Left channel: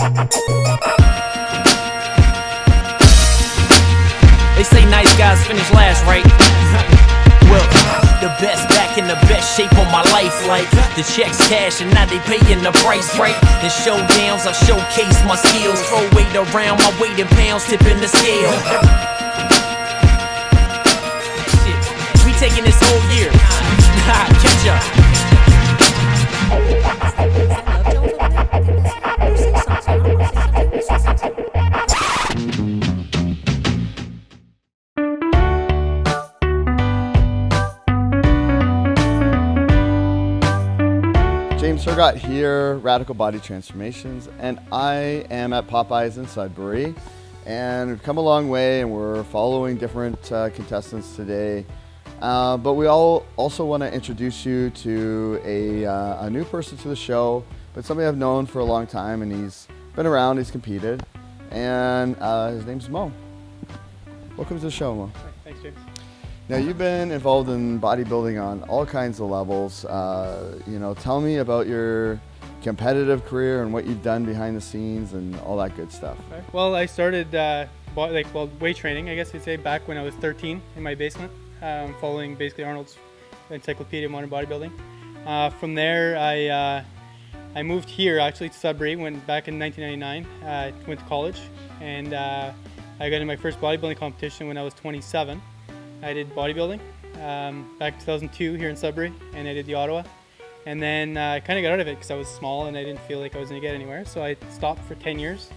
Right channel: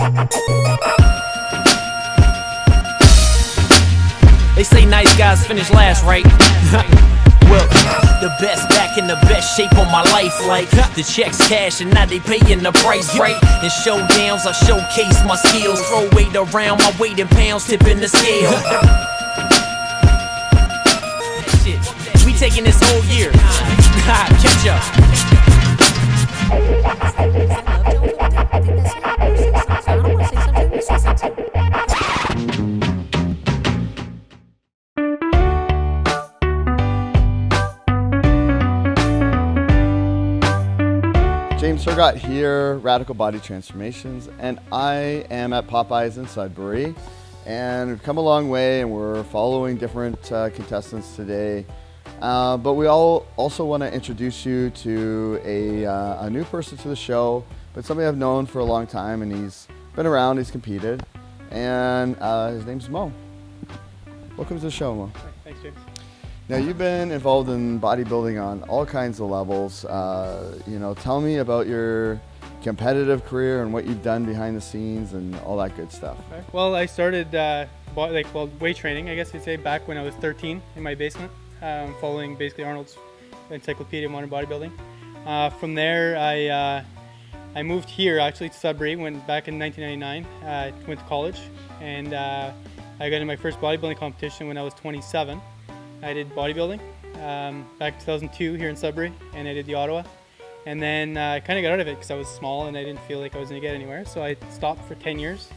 They say nice guys finish last, right? Well, the best back in the best shape of my life. Like the checks cash and now they paying the price, right? In showdowns I showcase my skills. Throw weight around, my weight in pounds, tipping the scale. Shit, we taking this whole year. Catch up. Hergott here, Radical Body Transformations, and I am at Popeyes in Sudbury, and we've come a long way and we're following different contestants today, but we all also want to introduce you to a new person to the show, but somebody I've known for a long time, and he's been around, he's competed, and his name's Moe. Welcome to the show, Moe. Thanks, James. Now, you've been involved in bodybuilding on all kinds of levels. Tell me about your competitive career and what you've done behind the scenes and all that good stuff. Okay. Well, I started weight training, I guess you'd say, back when I was 13 in my basement, following basically Arnold's Encyclopedia of Modern Bodybuilding. From there, I moved here actually to Sudbury, went back in 1999, went to college, and I got in my first bodybuilding competition when I was 27. I did bodybuilding back in 2002 here in Sudbury, and I did the Ottawa. And then I kind of got out of it because I was small and I didn't feel like I was going to get anywhere. So I stopped for 10 years.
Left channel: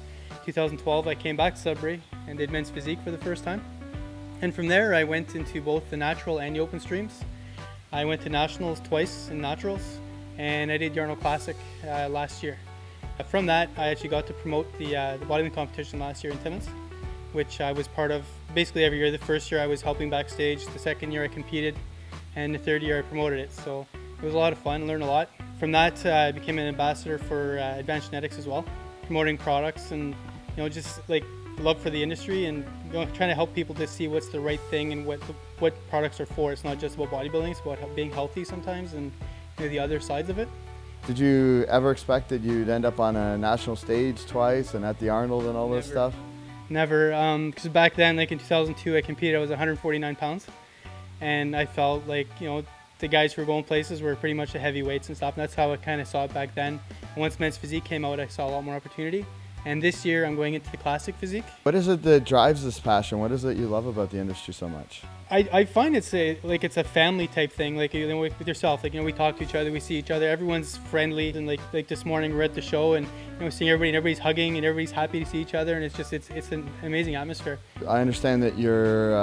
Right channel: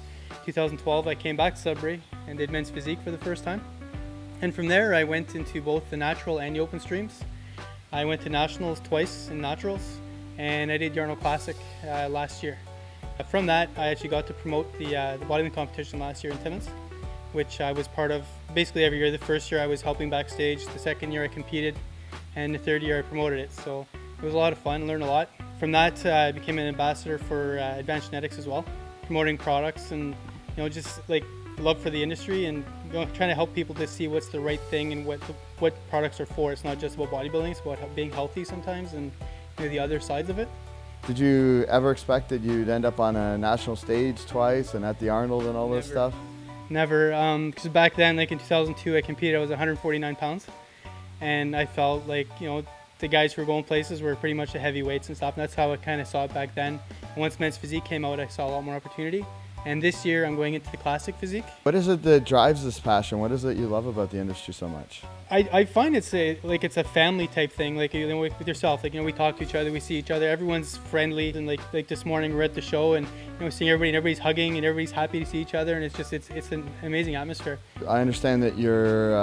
2012, I came back to Sudbury and did men's physique for the first time. And from there, I went into both the natural and the open streams. I went to nationals twice in naturals, and I did the Arnold Classic last year. From that, I actually got to promote the bodybuilding competition last year in Timmins, which I was part of basically every year. The first year I was helping backstage, the second year I competed, and the third year I promoted it. So it was a lot of fun, learned a lot. From that, I became an ambassador for Advanced Genetics as well, promoting products and just like love for the industry and trying to help people to see what's the right thing and what products are for. It's not just about bodybuilding, it's about being healthy sometimes and the other sides of it. Did you ever expect that you'd end up on a national stage twice and at the Arnold and all this stuff? Never, because back then, like in 2002, I competed, I was 149 pounds, and I felt like, the guys who were going places were pretty much the heavyweights and stuff, and that's how I kind of saw it back then. And once men's physique came out, I saw a lot more opportunity, and this year I'm going into the classic physique. What is it that drives this passion? What is it you love about the industry so much? I find it's a family type thing, like with yourself, we talk to each other, we see each other, everyone's friendly, and like this morning we're at the show and seeing everybody and everybody's hugging and everybody's happy to see each other, and it's an amazing atmosphere. I understand that you're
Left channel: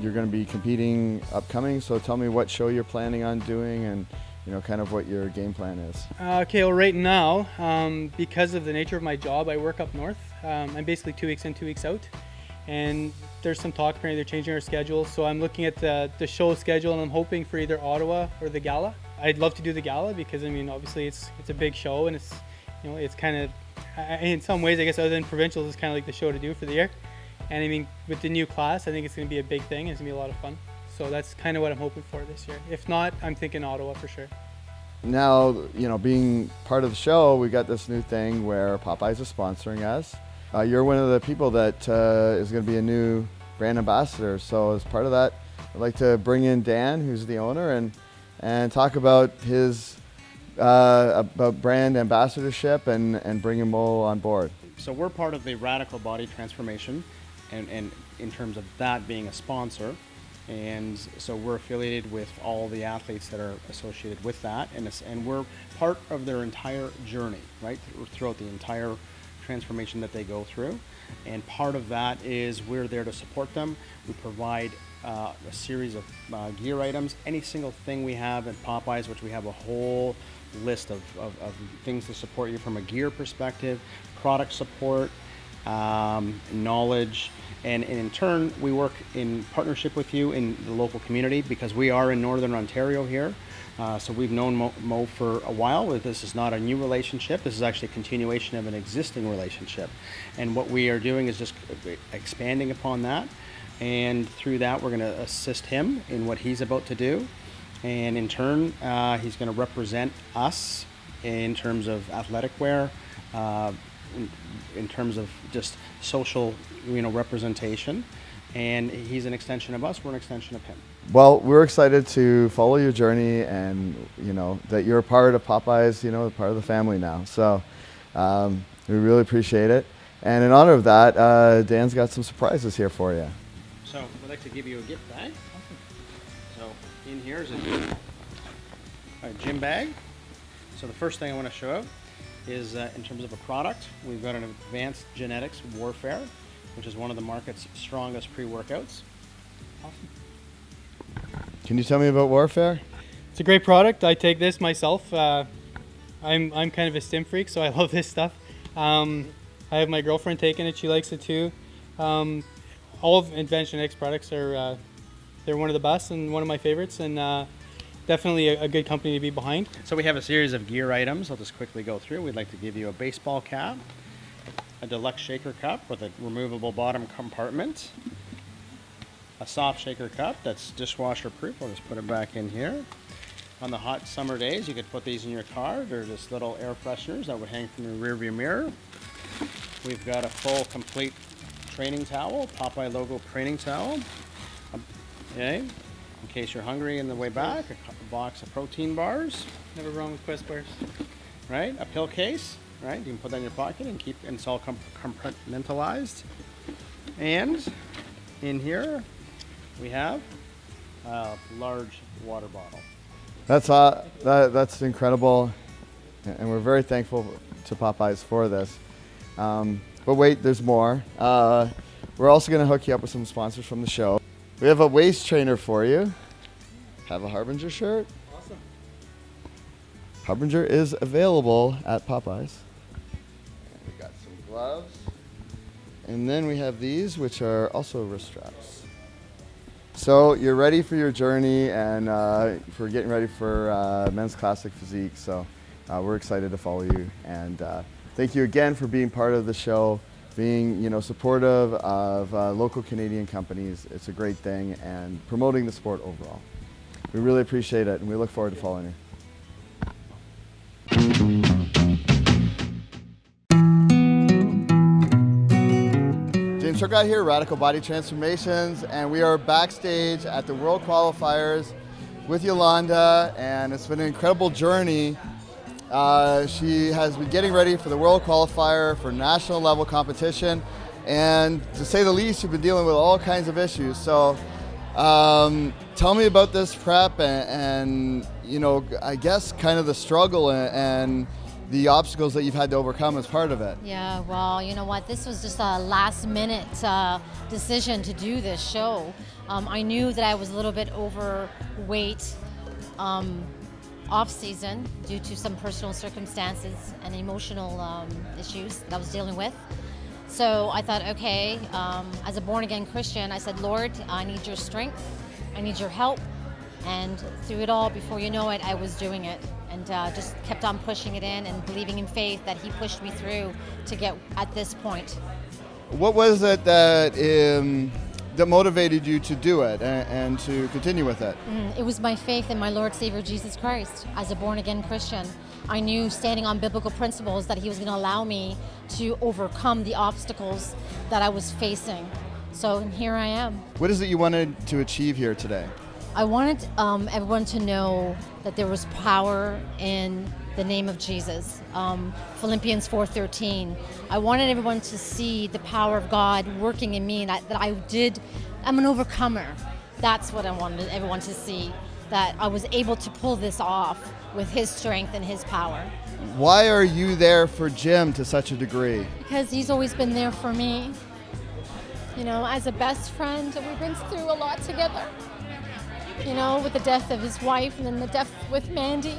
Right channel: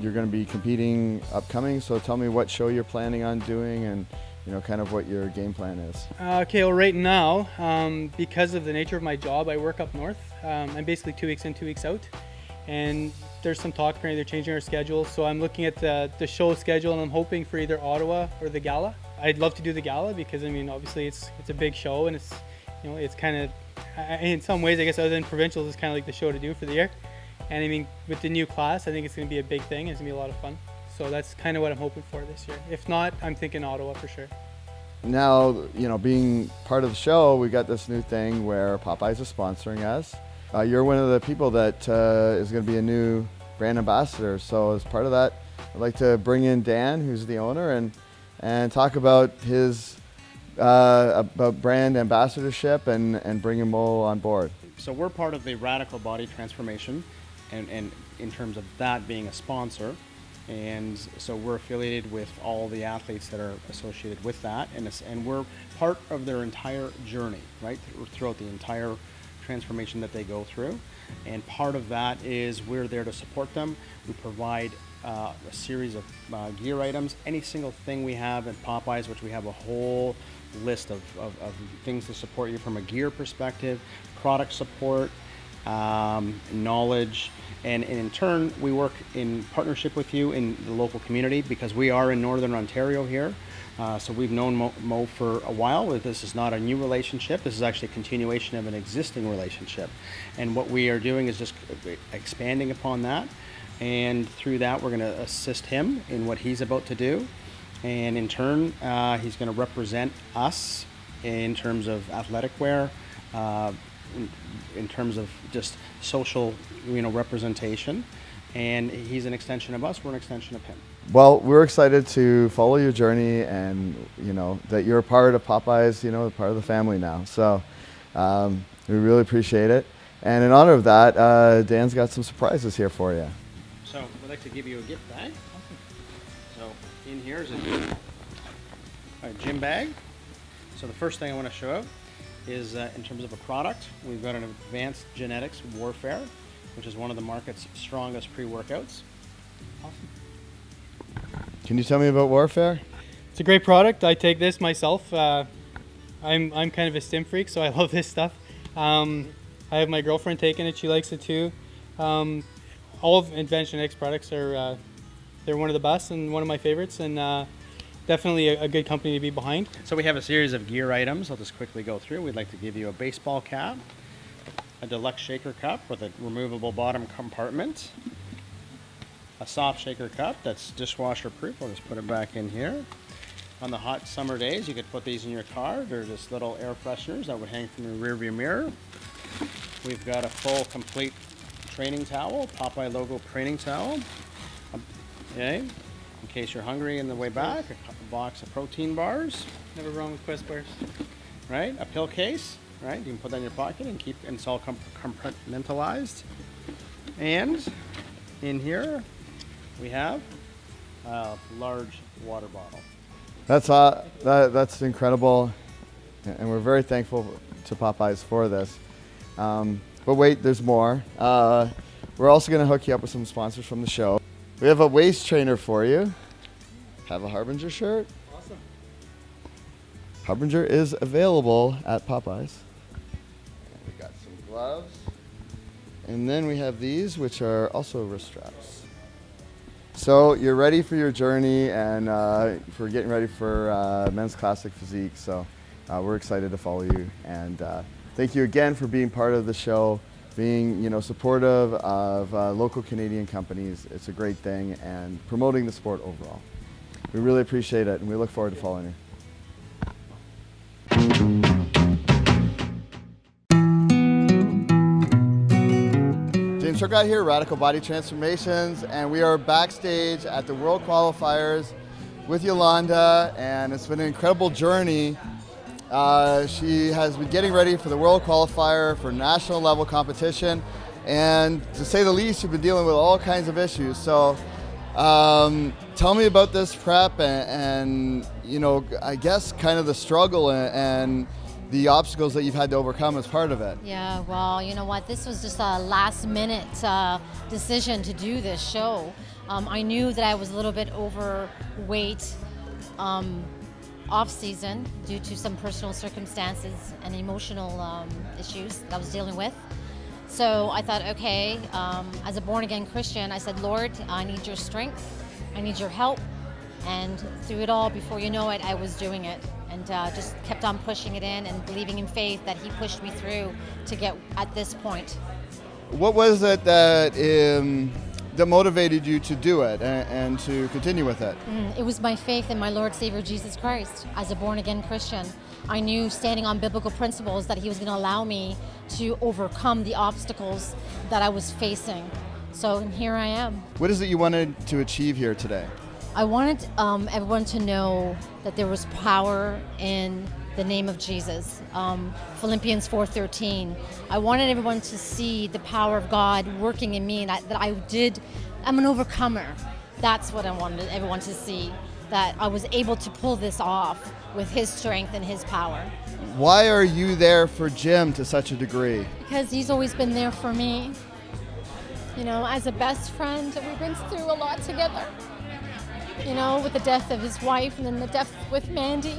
going to be competing upcoming, so tell me what show you're planning on doing and kind of what your game plan is. Okay, well right now, because of the nature of my job, I work up north. I'm basically 2 weeks in, 2 weeks out. And there's some talk apparently they're changing our schedule, so I'm looking at the show schedule and I'm hoping for either Ottawa or the Gala. I'd love to do the Gala because obviously it's a big show and it's it's kind of in some ways I guess other than provincials it's kind of like the show to do for the year. And with the new class I think it's going to be a big thing. It's going to be a lot of fun. So that's kind of what I'm hoping for this year. If not, I'm thinking Ottawa for sure. Now, being part of the show, we got this new thing where Popeyes is sponsoring us. You're one of the people that is going to be a new brand ambassador. So as part of that, I'd like to bring in Dan, who's the owner, and talk about his about brand ambassadorship and bringing Moe on board. So we're part of the Radical Body Transformation, and in terms of that being a sponsor. And so we're affiliated with all the athletes that are associated with that, and we're part of their entire journey, right, throughout the entire transformation that they go through. And part of that is we're there to support them. We provide a series of gear items, any single thing we have at Popeyes, which we have a whole list of things to support you from a gear perspective, product support, knowledge, and in turn we work in partnership with you in the local community because we are in Northern Ontario here. So we've known Moe for a while. This is not a new relationship. This is actually a continuation of an existing relationship. And what we are doing is just expanding upon that. And through that, we're going to assist him in what he's about to do. And in turn, he's going to represent us in terms of athletic wear, in terms of just social, representation. And he's an extension of us. We're an extension of him. Well, we're excited to follow your journey, and that you're a part of Popeyes, part of the family now. So we really appreciate it. And in honor of that, Dan's got some surprises here for you. So we'd like to give you a gift bag. So in here is a gym bag. So the first thing I want to show is in terms of a product, we've got an advanced genetics warfare, which is one of the market's strongest pre-workouts. Can you tell me about Warfare? It's a great product. I take this myself. I'm kind of a stim freak, so I love this stuff. I have my girlfriend taking it. She likes it too. All of Advanced Genetics products are they're one of the best and one of my favorites, and definitely a good company to be behind. So we have a series of gear items. I'll just quickly go through. We'd like to give you a baseball cap, a deluxe shaker cup with a removable bottom compartment, a soft shaker cup that's dishwasher proof. I'll just put it back in here. On the hot summer days, you could put these in your car. They're just little air fresheners that would hang from your rear view mirror. We've got a full complete training towel, Popeye logo training towel. Okay, in case you're hungry on the way back, a box of protein bars. Never wrong with Quest bars. Right, a pill case. Right, you can put that in your pocket and it's all compartmentalized. And in here we have a large water bottle. That's incredible, and we're very thankful to Popeyes for this. But wait, there's more. We're also going to hook you up with some sponsors from the show. We have a waist trainer for you. Have a Harbinger shirt. Awesome. Harbinger is available at Popeyes. We got some gloves. And then we have these, which are also wrist straps. So you're ready for your journey and for getting ready for Men's Classic Physique. So we're excited to follow you. And thank you again for being part of the show, being supportive of local Canadian companies. It's a great thing, and promoting the sport overall. We really appreciate it, and we look forward to following you. James Hergott here, Radical Body Transformations, and we are backstage at the World Qualifiers with Yolanda, and it's been an incredible journey. She has been getting ready for the World Qualifier for national level competition, and to say the least, she's been dealing with all kinds of issues. So tell me about this prep and I guess kind of the struggle and the obstacles that you've had to overcome as part of it. Yeah, well, you know what? This was just a last minute decision to do this show. I knew that I was a little bit overweight off season due to some personal circumstances and emotional issues that I was dealing with. So I thought, okay, as a born again Christian, I said, Lord, I need your strength, I need your help. And through it all, before you know it, I was doing it, and just kept on pushing it in and believing in faith that he pushed me through to get at this point. What was it that motivated you to do it and to continue with it? It was my faith in my Lord Savior Jesus Christ. As a born again Christian, I knew, standing on biblical principles, that he was going to allow me to overcome the obstacles that I was facing. So here I am. What is it you wanted to achieve here today? I wanted everyone to know that there was power in the name of Jesus. Philippians 4:13. I wanted everyone to see the power of God working in me, and I'm an overcomer. That's what I wanted everyone to see, that I was able to pull this off with his strength and his power. Why are you there for Jim to such a degree? Because he's always been there for me. As a best friend, we've been through a lot together. With the death of his wife, and then the death with Mandy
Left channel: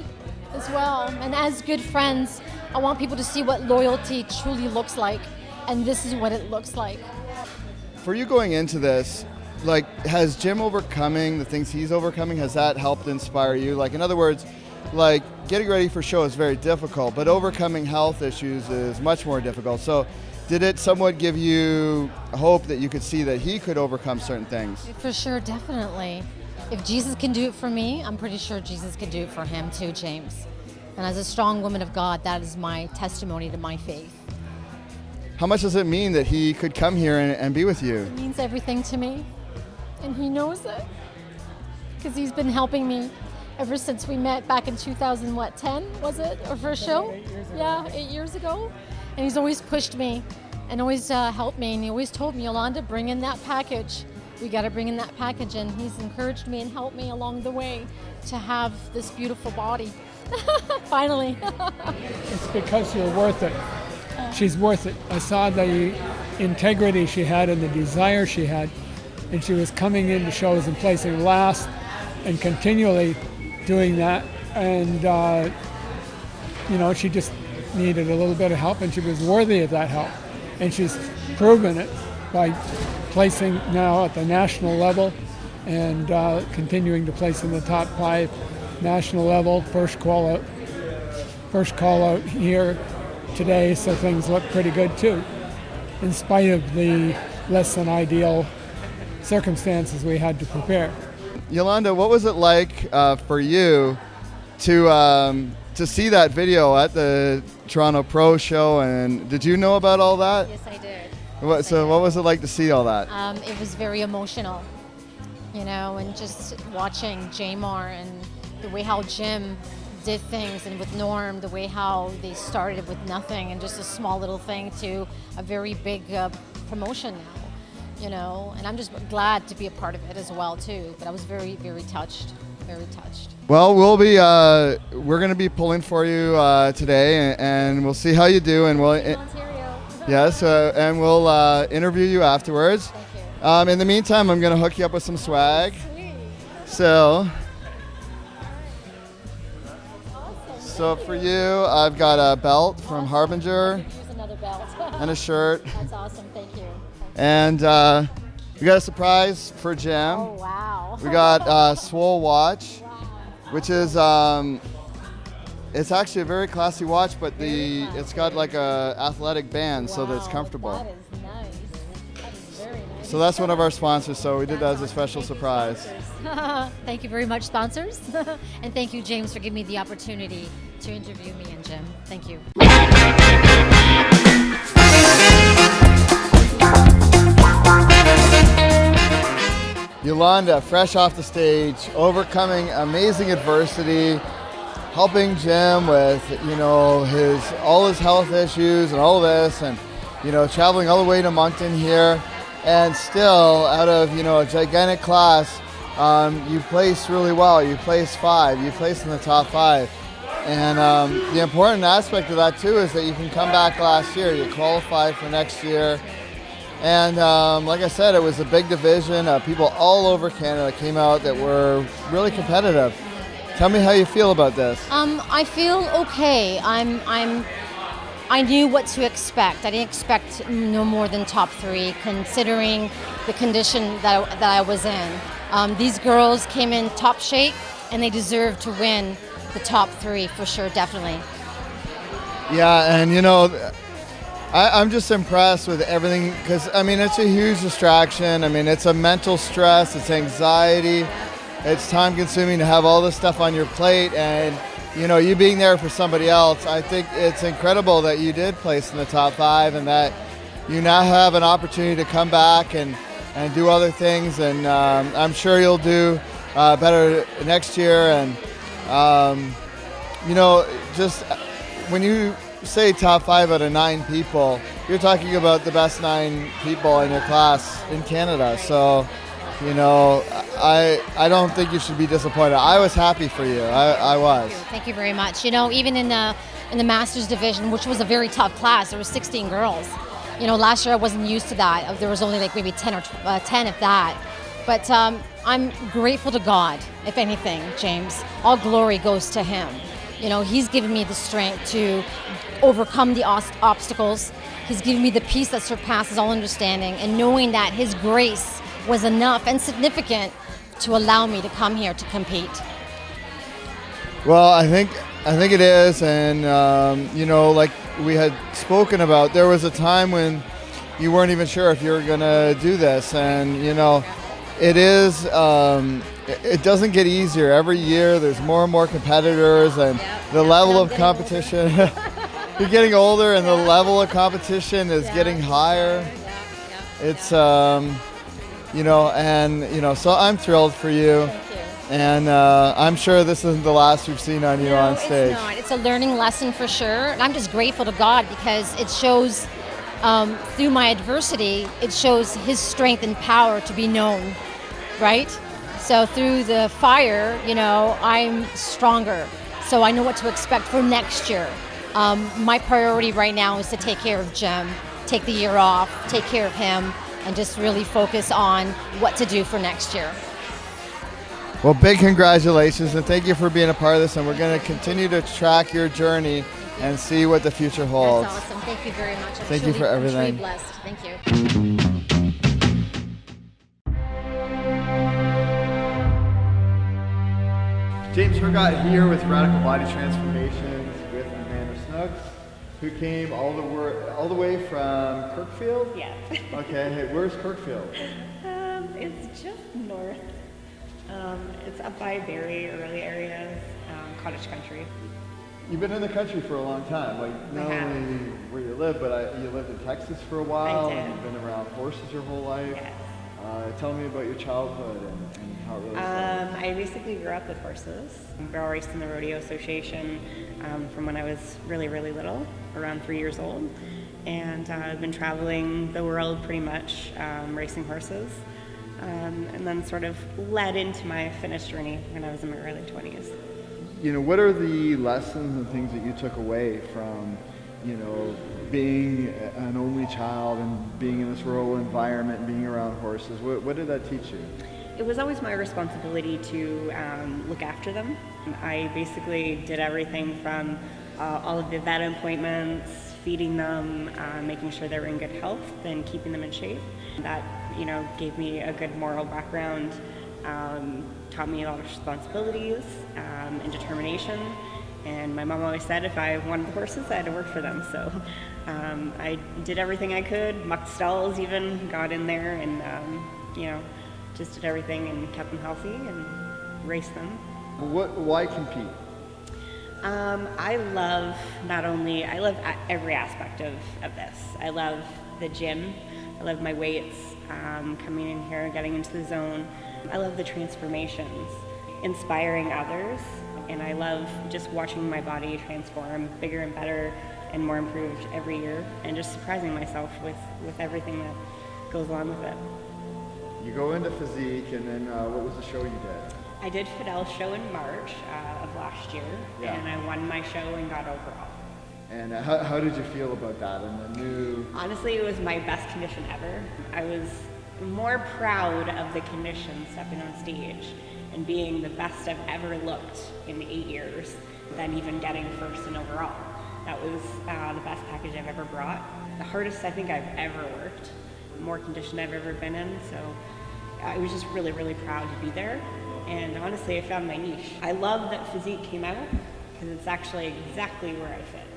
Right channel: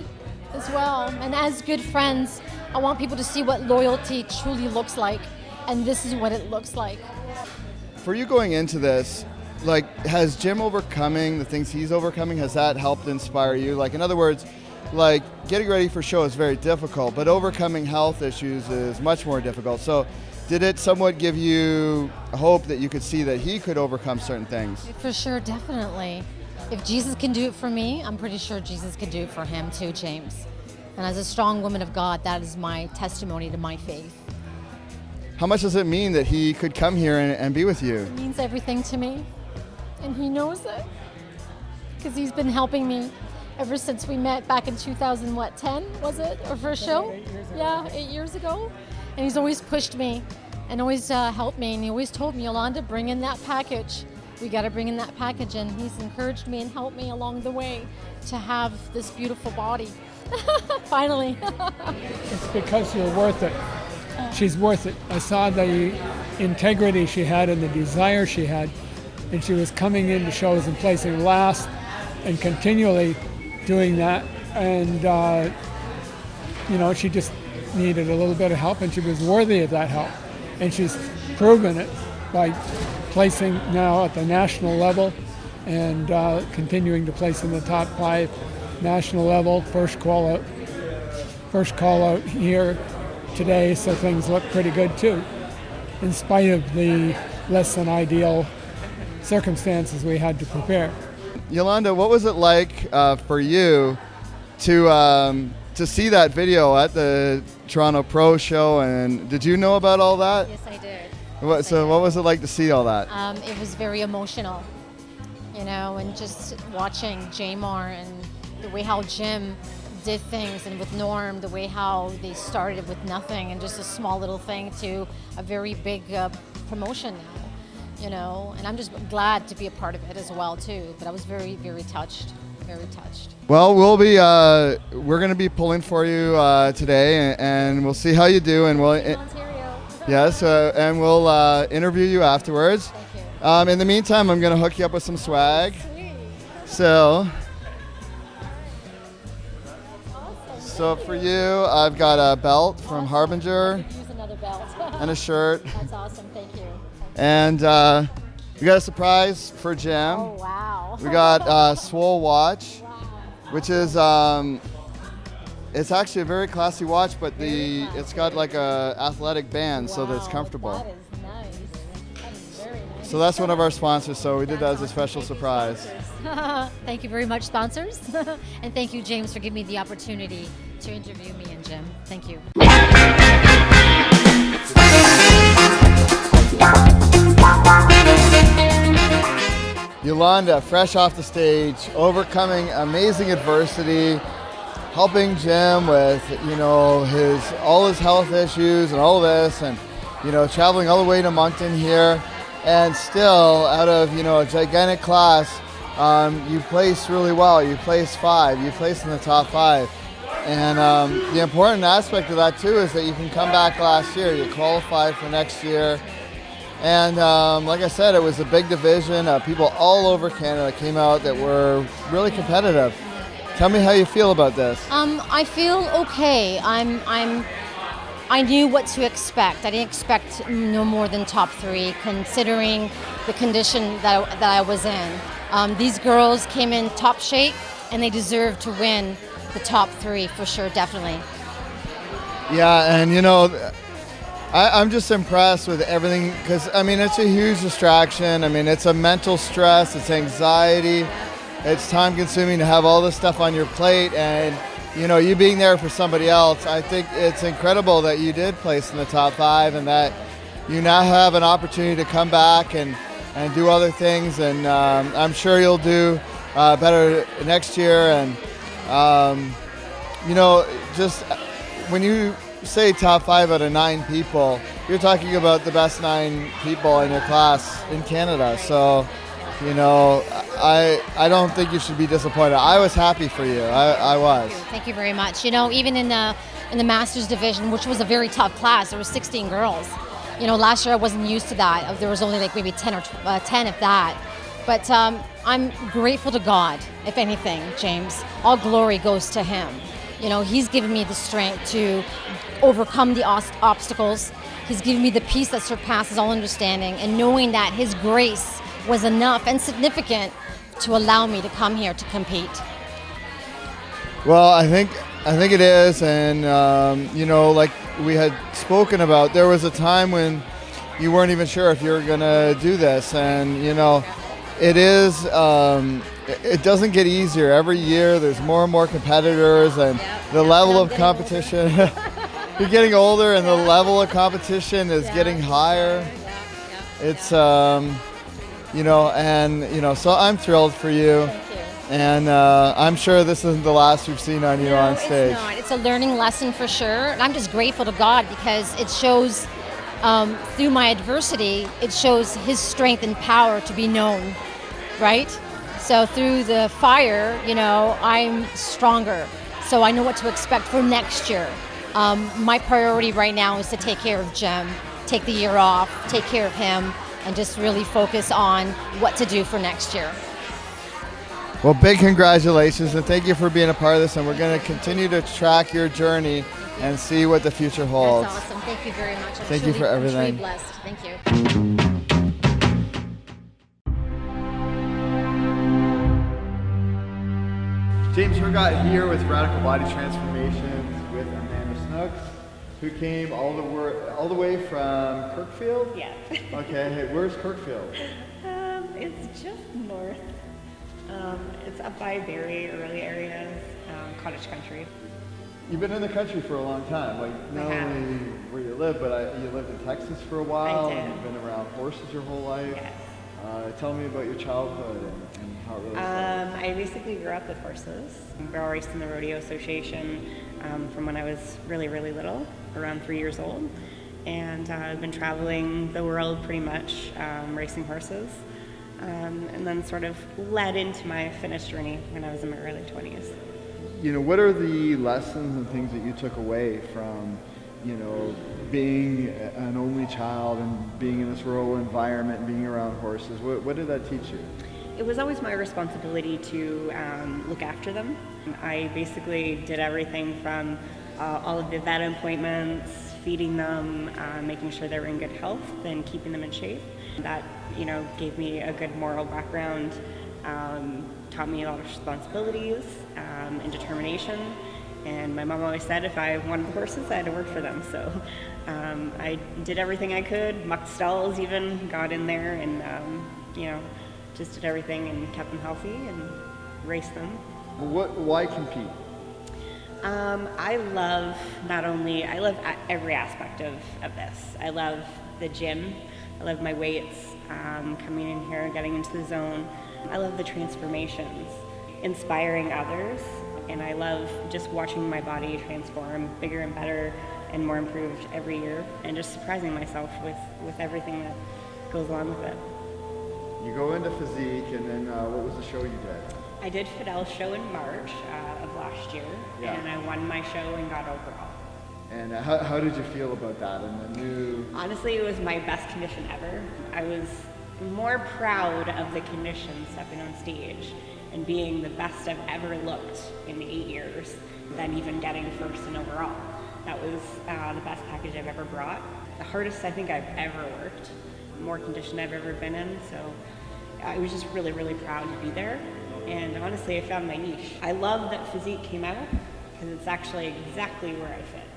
as well. And as good friends, I want people to see what loyalty truly looks like, and this is what it looks like. For you going into this, has Jim overcoming the things he's overcoming, has that helped inspire you? In other words, getting ready for show is very difficult, but overcoming health issues is much more difficult. So did it somewhat give you hope that you could see that he could overcome certain things? For sure, definitely. If Jesus can do it for me, I'm pretty sure Jesus can do it for him too, James. And as a strong woman of God, that is my testimony to my faith. how much does it mean that he could come here and be with you? It means everything to me, and he knows it, because he's been helping me ever since we met back in 2010, was it? Our first show? 8 years ago. Yeah, 8 years ago. And he's always pushed me and always helped me, and he always told me, Yolanda, bring in that package. We got to bring in that package, and he's encouraged me and helped me along the way to have this beautiful body. Finally. It's because you're worth it. She's worth it. I saw the integrity she had and the desire she had, and she was coming into shows and placing last and continually doing that. And, she just needed a little bit of help, and she was worthy of that help. And she's proven it by placing now at the national level and continuing to place in the top 5 national level. First call out here today, so things look pretty good too, in spite of the less than ideal circumstances we had to prepare. Yolanda, what was it like for you to see that video at the Toronto Pro Show, and did you know about all that? Yes, I did. What was it like to see all that? It was very emotional, and just watching Jamar and the way how Jim did things, and with Norm, the way how they started with nothing and just a small little thing to a very big promotion now, and I'm just glad to be a part of it as well too. But I was very, very touched, very touched. Well, we're going to be pulling for you today, and we'll see how you do, and we'll Ontario. yes, and we'll interview you afterwards. Thank you. In the meantime, I'm going to hook you up with some swag. Sweet. So for you, I've got a belt from Harbinger Here's another belt. and a shirt, That's awesome. Thank you. and we got a surprise for Jim. Oh wow. We got a Swole watch, Wow. which is it's actually a very classy watch, but it's got like a athletic band so that it's Wow, comfortable. That is nice. That is very nice. So that's one of our sponsors, so we did that as a special surprise. Thank you very much, sponsors. And thank you, James, for giving me the opportunity to interview me and Jim. Thank you. Yolanda, fresh off the stage, overcoming amazing adversity, helping Jim with, all his health issues and all this, and, traveling all the way to Moncton here, and still out of, a gigantic class, you placed really well. You placed 5. You placed in the top 5. And the important aspect of that too is that you can come back last year. You qualified for next year. And like I said, it was a big division. People all over Canada came out that were really competitive. Tell me how you feel about this. I feel okay. I knew what to expect. I didn't expect no more than top 3, considering the condition that I was in. These girls came in top shape, and they deserved to win the top 3 for sure, definitely. Yeah, and I'm just impressed with everything, because it's a huge distraction. It's a mental stress, it's anxiety, it's time consuming to have all this stuff on your plate, and you being there for somebody else. I think it's incredible that you did place in the top 5, and that you now have an opportunity to come back and do other things, and I'm sure you'll do better next year. And just when you say top 5 out of 9 people, you're talking about the best 9 people in your class in Canada. So, I don't think you should be disappointed. I was happy for you. I was. Thank you very much. Even in the Masters division, which was a very tough class, there were 16 girls. Last year I wasn't used to that. There was only like maybe 10 or 10 of that. But I'm grateful to God, if anything, James. All glory goes to Him. He's given me the strength to overcome the obstacles. He's given me the peace that surpasses all understanding, and knowing that His grace was enough and significant to allow me to come here to compete. Well, I think it is, and like we had spoken about, there was a time when you weren't even sure if you were going to do this, and it is. It doesn't get easier every year. There's more and more competitors, and the level of competition. you're getting older, and the level of competition is getting higher. It's so I'm thrilled for you. Thank you. And I'm sure this isn't the last we've seen on you on stage. It's not. It's a learning lesson for sure. And I'm just grateful to God because it shows, through my adversity, it shows His strength and power to be known, right? So through the fire, I'm stronger. So I know what to expect for next year. My priority right now is to take care of Jim, take the year off, take care of him, and just really focus on what to do for next year. Well, big congratulations, and thank you for being a part of this, and we're going to continue to track your journey and see what the future holds. That's awesome. Thank you very much. Thank you for everything. I'm truly blessed. Thank you. James Hergott here with Radical Body Transformations with Amanda Snooks, who came all the way from Kirkfield? Yeah. Okay, where's Kirkfield? It's just north. It's up by Barrie, early areas, cottage country. You've been in the country for a long time, not only where you live, but you lived in Texas for a while. I did. And you've been around horses your whole life. Yes. Tell me about your childhood and how it really started. I basically grew up with horses. I barrel raced in the Rodeo Association from when I was really, really little, around 3 years old. And I've been traveling the world pretty much, racing horses. And then sort of led into my fitness journey when I was in my early 20s. What are the lessons and things that you took away from, being an only child and being in this rural environment and being around horses? What did that teach you? It was always my responsibility to look after them. I basically did everything from all of the vet appointments, feeding them, making sure they were in good health, and keeping them in shape. That gave me a good moral background, taught me a lot of responsibilities and determination. And my mom always said if I wanted the horses, I had to work for them. So I did everything I could, mucked stalls even, got in there and, just did everything and kept them healthy and raced them. Why compete? I love every aspect of this. I love the gym. I love my weights, coming in here, getting into the zone. I love the transformations, inspiring others, and I love just watching my body transform bigger and better and more improved every year, and just surprising myself with everything that goes along with it. You go into physique, and then what was the show you did? I did Fidel's show in March of last year, and I won my show and got overall. And how did you feel about that and the new? Honestly, it was my best condition ever. I was more proud of the condition stepping on stage and being the best I've ever looked in 8 years than even getting first in overall. That was the best package I've ever brought. The hardest I think I've ever worked, more condition I've ever been in, so I was just really, really proud to be there. And honestly, I found my niche. I love that physique came out because it's actually exactly where I fit.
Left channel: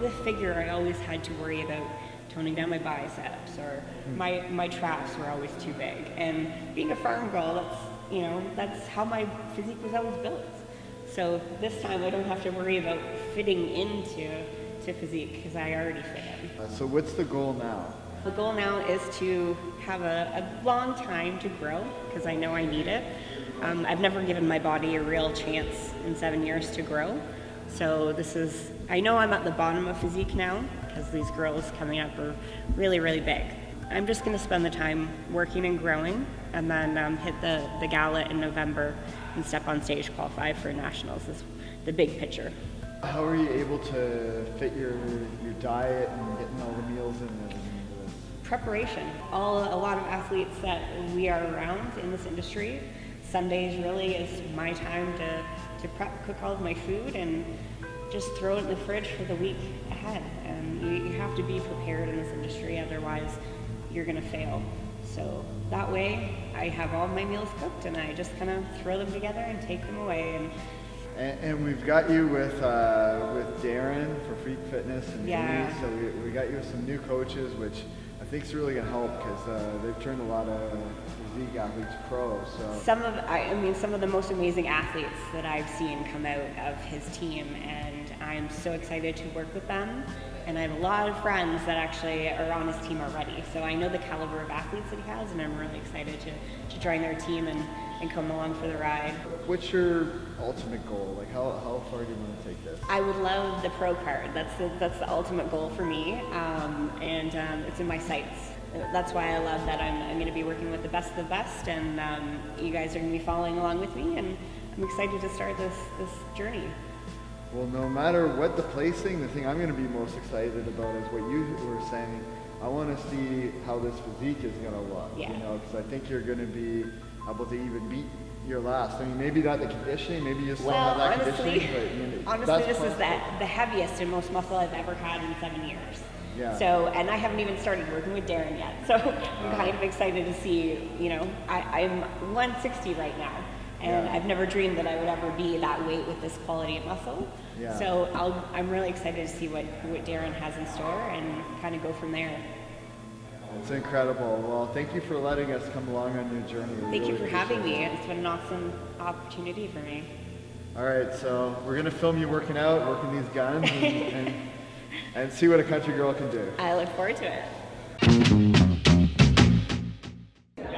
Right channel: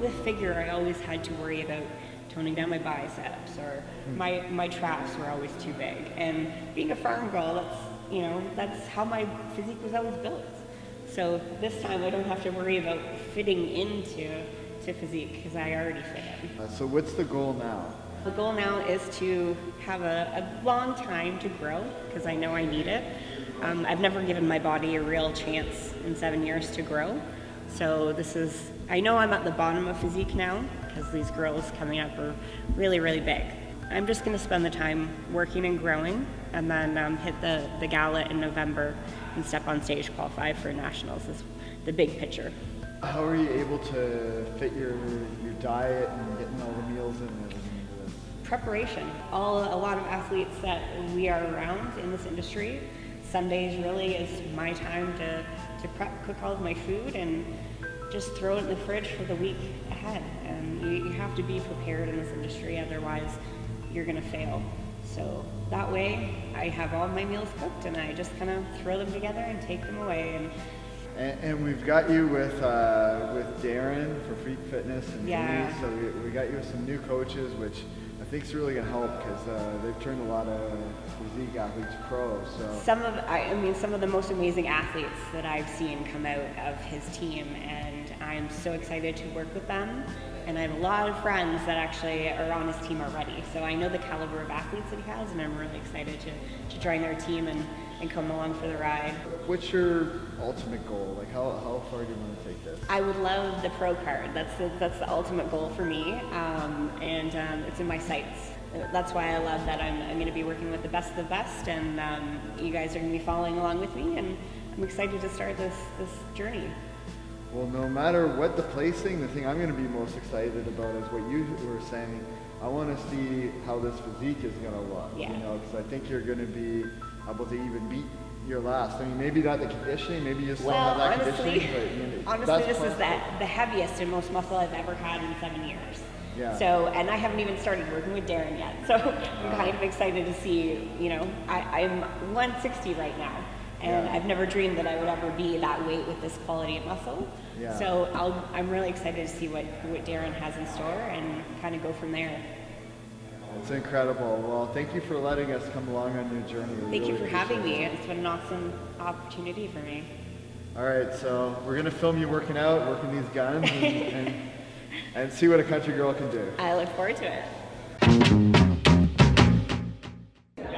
With figure, I always had to worry about toning down my biceps, or my traps were always too big. And being a farm girl, that's how my physique was always built. So this time I don't have to worry about fitting into physique because I already fit in. So what's the goal now? The goal now is to have a long time to grow because I know I need it. I've never given my body a real chance in 7 years to grow. So I know I'm at the bottom of physique now because these girls coming up are really, really big. I'm just going to spend the time working and growing and then hit the gala in November and step on stage, qualify for nationals is the big picture. How are you able to fit your diet and getting all the meals in there? Preparation. A lot of athletes that we are around in this industry, Sundays really is my time to prep, cook all of my food and just throw it in the fridge for the week ahead. And you have to be prepared in this industry, otherwise you're gonna fail. So that way I have all my meals cooked and I just kind of throw them together and take them away. And we've got you with Darren for Freak Fitness and Denise, so we got you with some new coaches, which I think is really going to help because they've turned a lot of physique athletes pro. So some of the most amazing athletes that I've seen come out of his team, and I'm so excited to work with them, and I have a lot of friends that actually are on his team already. So I know the caliber of athletes that he has, and I'm really excited to join their team and come along for the ride. What's your ultimate goal? Like how far do you want to take this? I would love the pro card. That's the ultimate goal for me, and it's in my sights. That's why I love that I'm going to be working with the best of the best, and you guys are going to be following along with me, and I'm excited to start this journey. Well, no matter what the placing, the thing I'm going to be most excited about is what you were saying. I want to see how this physique is going to look, Yeah. you know, because I think you're going to be able to even beat your last. I mean, maybe not the conditioning, maybe you still have that conditioning, but honestly, this is the heaviest and most muscle I've ever had in 7 years. Yeah. So, and I haven't even started working with Darren yet. So I'm kind of excited to see, you know, I'm 160 right now. And Yeah. I've never dreamed that I would ever be that weight with this quality of muscle. Yeah. So I'm really excited to see what Darren has in store and kind of go from there. It's incredible. Well, thank you for letting us come along on your journey. We Thank you really for having appreciate me. it. It's been an awesome opportunity for me. All right, so we're going to film you working out, working these guns, and see what a country girl can do. I look forward to it.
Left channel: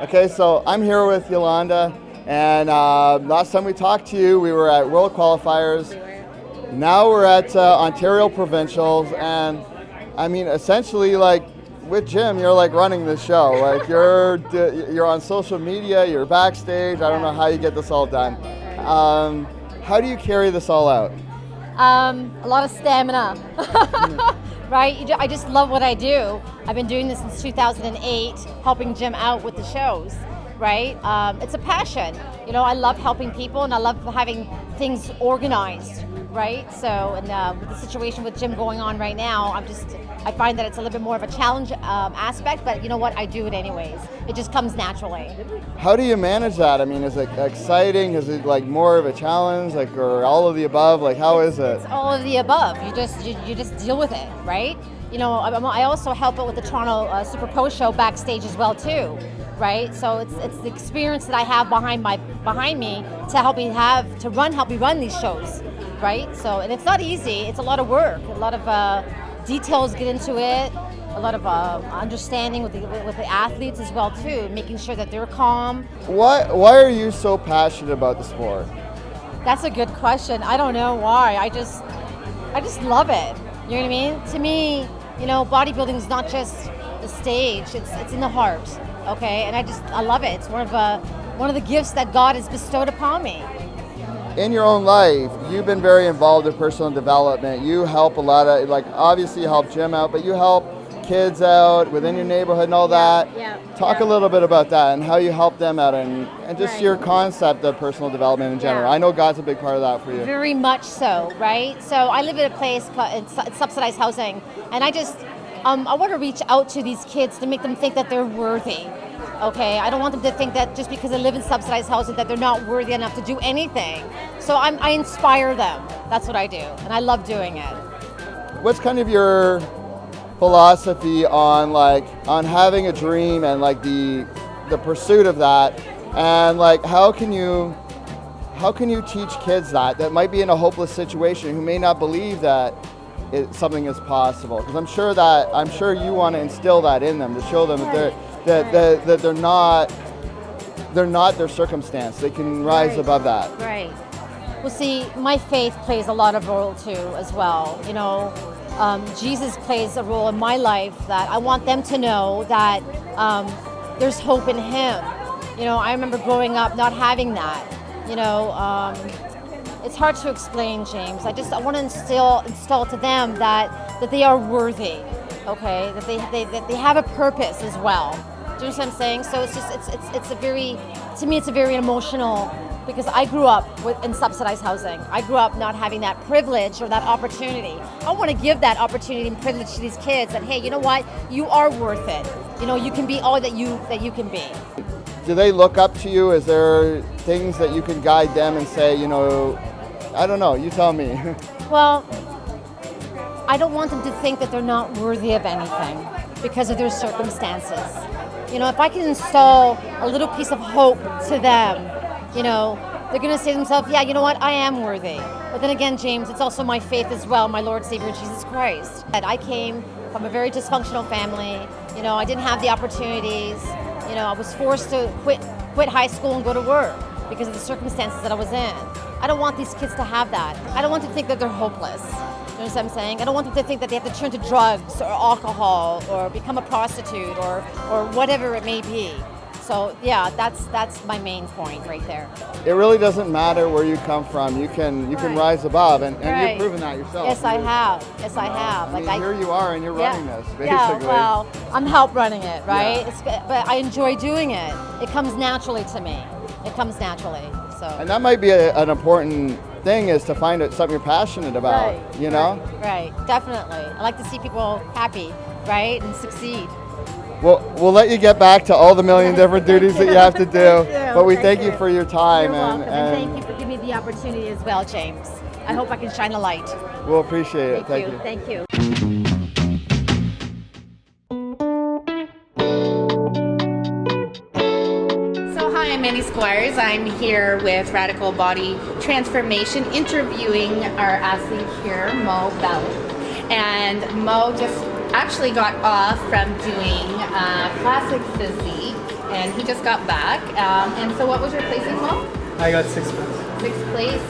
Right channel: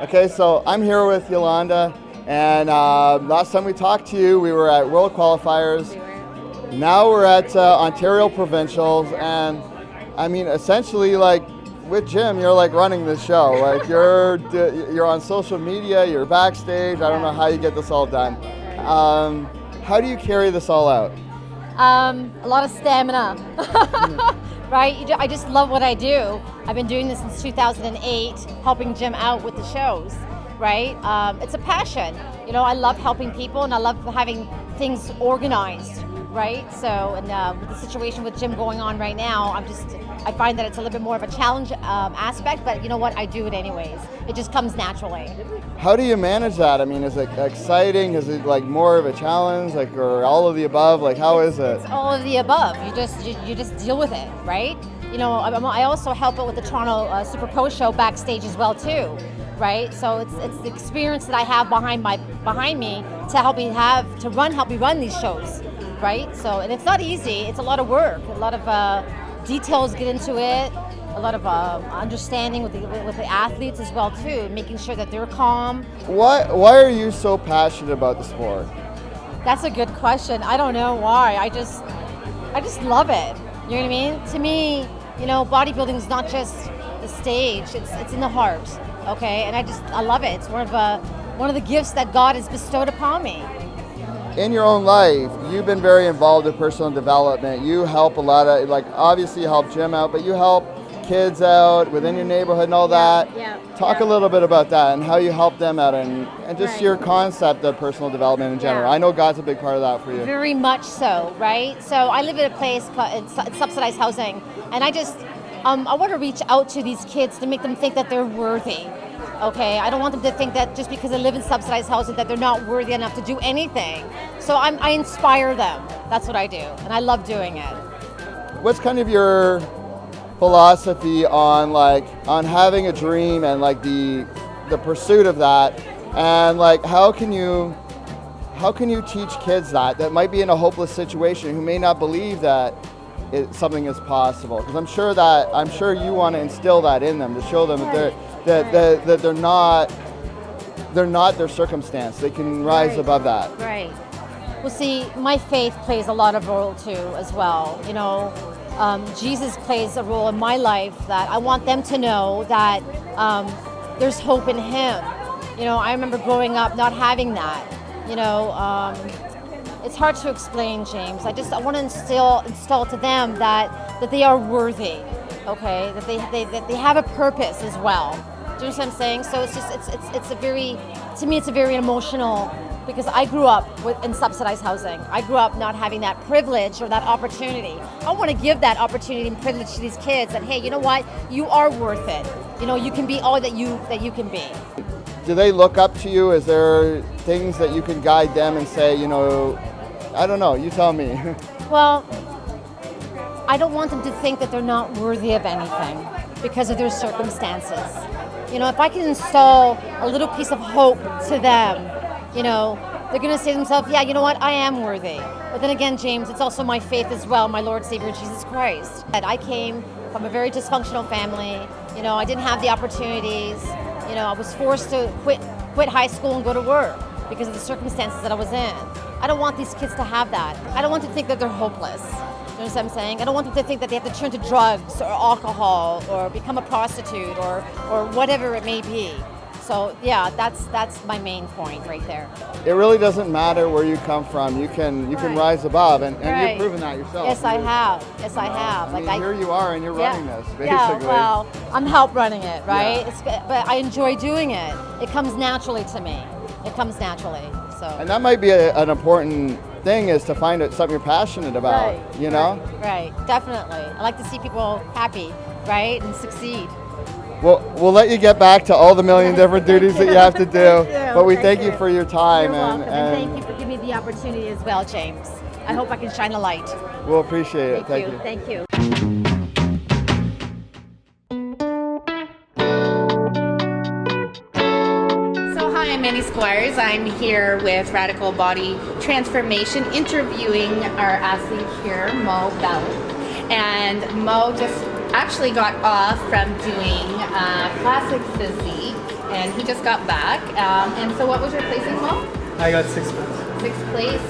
Okay, so I'm here with Yolanda, and last time we talked to you, we were at World Qualifiers. Now we're at Ontario Provincials, and I mean, essentially, like with Jim, you're like running the show. Like you're on social media, you're backstage. I don't know how you get this all done. How do you carry this all out? A lot of stamina, right? I just love what I do. I've been doing this since 2008, helping Jim out with the shows, right? It's a passion. You know, I love helping people, and I love having things organized, right? So, and with the situation with Jim going on right now, I find that it's a little bit more of a challenge aspect, but you know what? I do it anyways. It just comes naturally. How do you manage that? I mean, is it exciting? Is it like more of a challenge, like, or all of the above? Like, how is it? It's all of the above. You just deal with it, right? You know, I also help out with the Toronto Super Pro show backstage as well too, right? So it's the experience that I have behind me to help me run these shows, right? So, and it's not easy. It's a lot of work. A lot of details get into it. A lot of understanding with the athletes as well too, making sure that they're calm. Why are you so passionate about the sport? That's a good question. I don't know why. I just love it. You know what I mean? To me, you know, bodybuilding is not just the stage. It's in the heart. Okay, and I love it. It's one of the gifts that God has bestowed upon me. In your own life, you've been very involved in personal development. You help a lot of, like, obviously you help Jim out, but you help kids out within your neighborhood and all that. Talk a little bit about that and how you help them out, and just your concept of personal development in general. I know God's a big part of that for you. Very much so, right? So I live in a place called subsidized housing, and I want to reach out to these kids to make them think that they're worthy. Okay, I don't want them to think that just because they live in subsidized housing that they're not worthy enough to do anything. So I inspire them. That's what I do, and I love doing it. What's kind of your philosophy on having a dream and like the pursuit of that, and like how can you teach kids that might be in a hopeless situation, who may not believe that something is possible? Because I'm sure you want to instill that in them, to show them that they're not their circumstance. They can rise above that. Right. Well, see, my faith plays a lot of role too as well. You know, Jesus plays a role in my life that I want them to know that there's hope in Him. You know, I remember growing up not having that. You know, it's hard to explain, James. I want to instill to them that they are worthy. Okay, that they have a purpose as well. Do you know what I'm saying? So it's a very emotional, because I grew up in subsidized housing. I grew up not having that privilege or that opportunity. I want to give that opportunity and privilege to these kids, that hey, you know what? You are worth it. You know, you can be all that you can be. Do they look up to you? Is there things that you can guide them and say, you know, I don't know, you tell me. Well, I don't want them to think that they're not worthy of anything because of their circumstances. You know, if I can install a little piece of hope to them, you know, they're going to say to themselves, yeah, you know what, I am worthy. But then again, James, it's also my faith as well, my Lord Savior Jesus Christ. And I came from a very dysfunctional family. You know, I didn't have the opportunities. You know, I was forced to quit high school and go to work because of the circumstances that I was in. I don't want these kids to have that. I don't want them to think that they're hopeless. You know what I'm saying? I don't want them to think that they have to turn to drugs or alcohol or become a prostitute or whatever it may be. So yeah, that's my main point right there. It really doesn't matter where you come from. You can rise above, and you've proven that yourself. Yes, I have. Yes, I have. I mean, here you are, and you're running this, basically. Yeah, well, I'm help running it, right? Yeah. But I enjoy doing it. It comes naturally to me. It comes naturally. So. And that might be an important thing, is to find something you're passionate about. Right, you know. Right. Definitely. I like to see people happy, right, and succeed. We'll let you get back to all the million different duties that you have to do. But we thank you for your time. You're welcome. And thank you for giving me the opportunity as well, James. I hope I can shine a light. We'll appreciate it. Thank you. Thank you. So hi, I'm Mandy Squires. I'm here with Radical Body Transformation, interviewing our athlete here, Moe Belec. And Moe just actually got off from doing classic physique, and he just got back. And so what was your placing, Moe? I got 6th place. 6th place.